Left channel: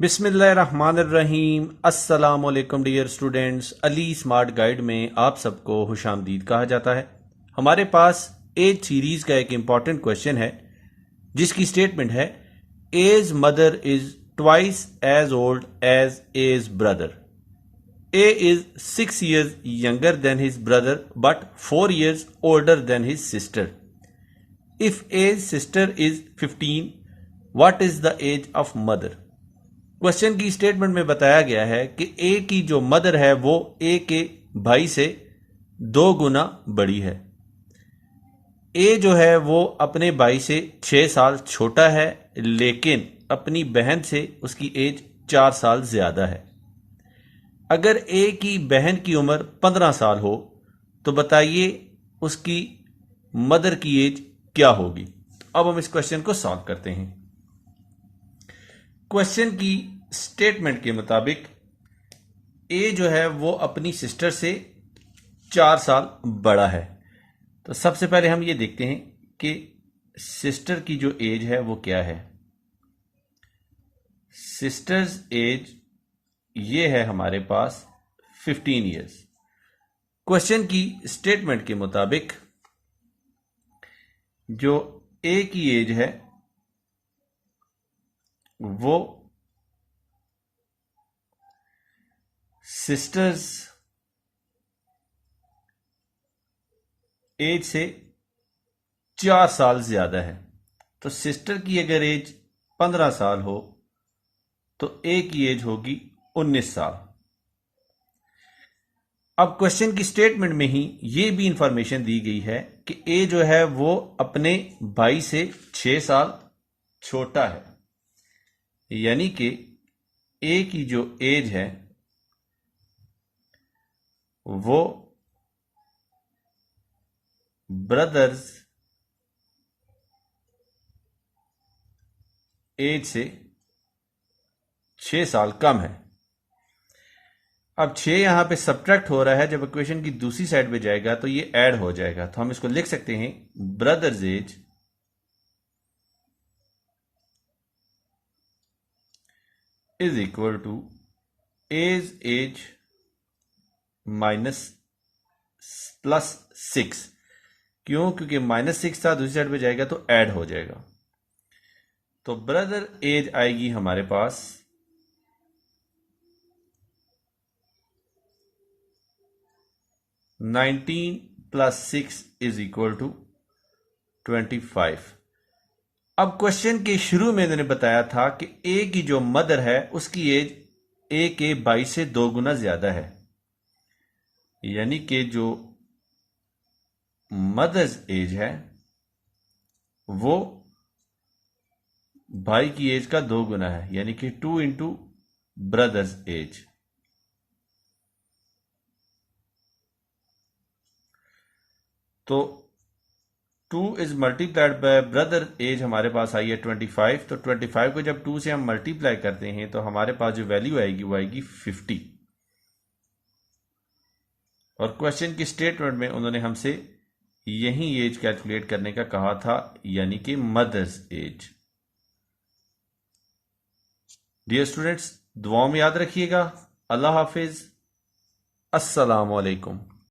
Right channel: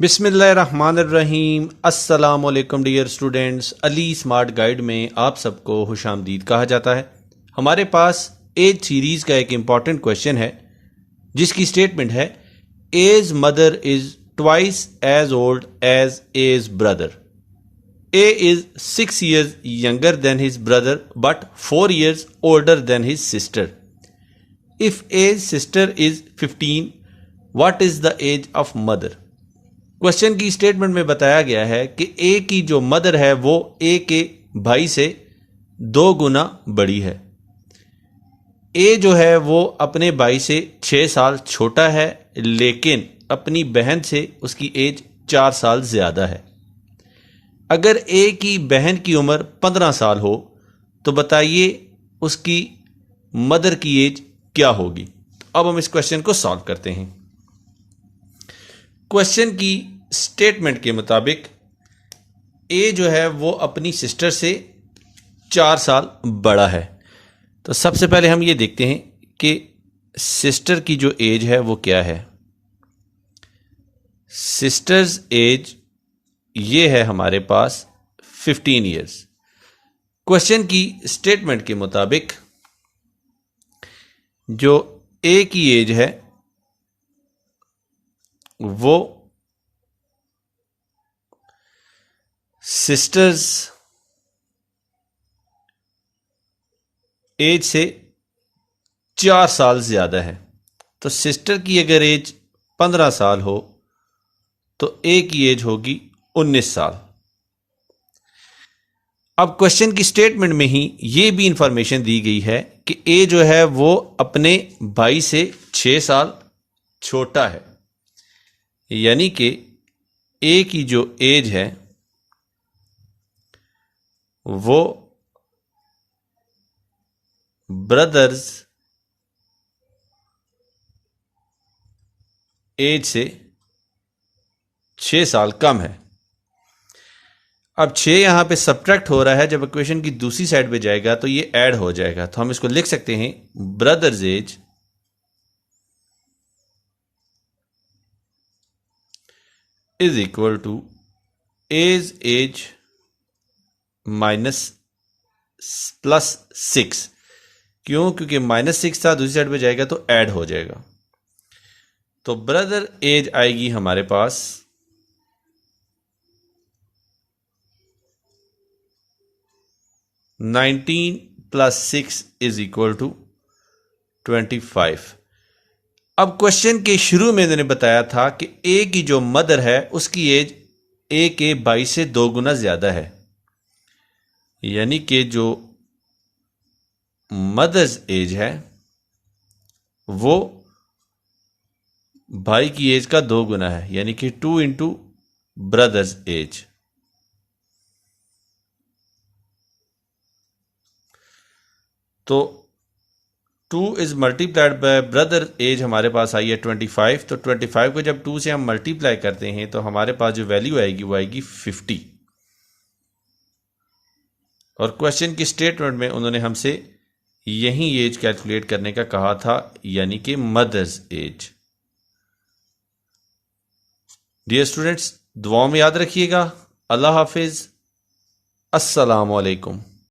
बिस्मिल्लाहिर्रहमानिर्रहीम। अस्सलामुअलैकुम dear students, Ali smart guide में आप सबको खुशामदीद कहा जाता है। हमारे पास एज सीरीज़ का एक इम्पॉर्टेंट क्वेश्चन है जिसकी स्टेटमेंट है A's mother is twice as old as A's brother. A is 6 years younger than his brother but 4 years older than his sister. If A's sister is 15, what is the age of mother. Question की statement में बताया गया है कि ए की जो mother है वो ए के भाई से 2 गुना बड़ी है। ए जो है वो अपने भाई से 6 साल छोटा है, लेकिन अपनी बहन से उसकी एज 4 साल ज़्यादा है। अगर ए की बहन की उम्र 15 साल हो तो बताइए उसकी मदर की एज क्या होगी। अब हम इस क्वेश्चन को सॉल्व करते हैं। क्वेश्चन की स्टेटमेंट के मुताबिक ए जो है वो अपनी सिस्टर से 4 साल बड़ा है। तो सबसे पहले हम ये देखते हैं कि सिस्टर की जो एज है वो क्या है। सिस्टर्स एज ये है हमारे पास 15 years। क्वेश्चन की स्टेटमेंट के मुताबिक जो ए की एज है वो सिस्टर्स एज से 4 साल ज़्यादा है। तो सिस्टर की अगर एज 15 साल हो तो ए की एज होगी 19 साल। अब क्वेश्चन की स्टेटमेंट में ही ये भी इंफॉर्मेशन दी गई है कि ए जो है वो अपने भाई से 6 साल छोटा है, यानी कि ए की जो एज है वो ब्रदर्स एज से 6 साल कम है। अब 6 यहां पे सब्ट्रैक्ट हो रहा है, जब इक्वेशन की दूसरी साइड पे जाएगा तो ये ऐड हो जाएगा। तो हम इसको लिख सकते हैं brother's age is equal to A's minus plus 6। क्यों? क्योंकि -6 था, दूसरी साइड पे जाएगा तो ऐड हो जाएगा। तो ब्रदर एज आएगी हमारे पास 19 + 6 इज इक्वल टू 25। अब क्वेश्चन के शुरू में मैंने बताया था कि ए की जो मदर है उसकी एज ए के भाई से 2 गुना ज़्यादा है, यानी कि जो मदर्स एज है वो भाई की एज का 2 गुना है, यानी कि 2 इंटू ब्रदर्स एज। तो 2 is multiplied by brother age हमारे पास आई है 25। तो 25 को जब 2 से हम मल्टीप्लाई करते हैं तो हमारे पास जो वैल्यू आएगी वो आएगी 50। और क्वेश्चन की स्टेटमेंट में उन्होंने हमसे यही एज कैलकुलेट करने का कहा था, यानी कि मदर्स एज। डियर स्टूडेंट्स, दुआओं में याद रखिएगा। अल्लाह हाफिज। अस्सलाम वालेकुम।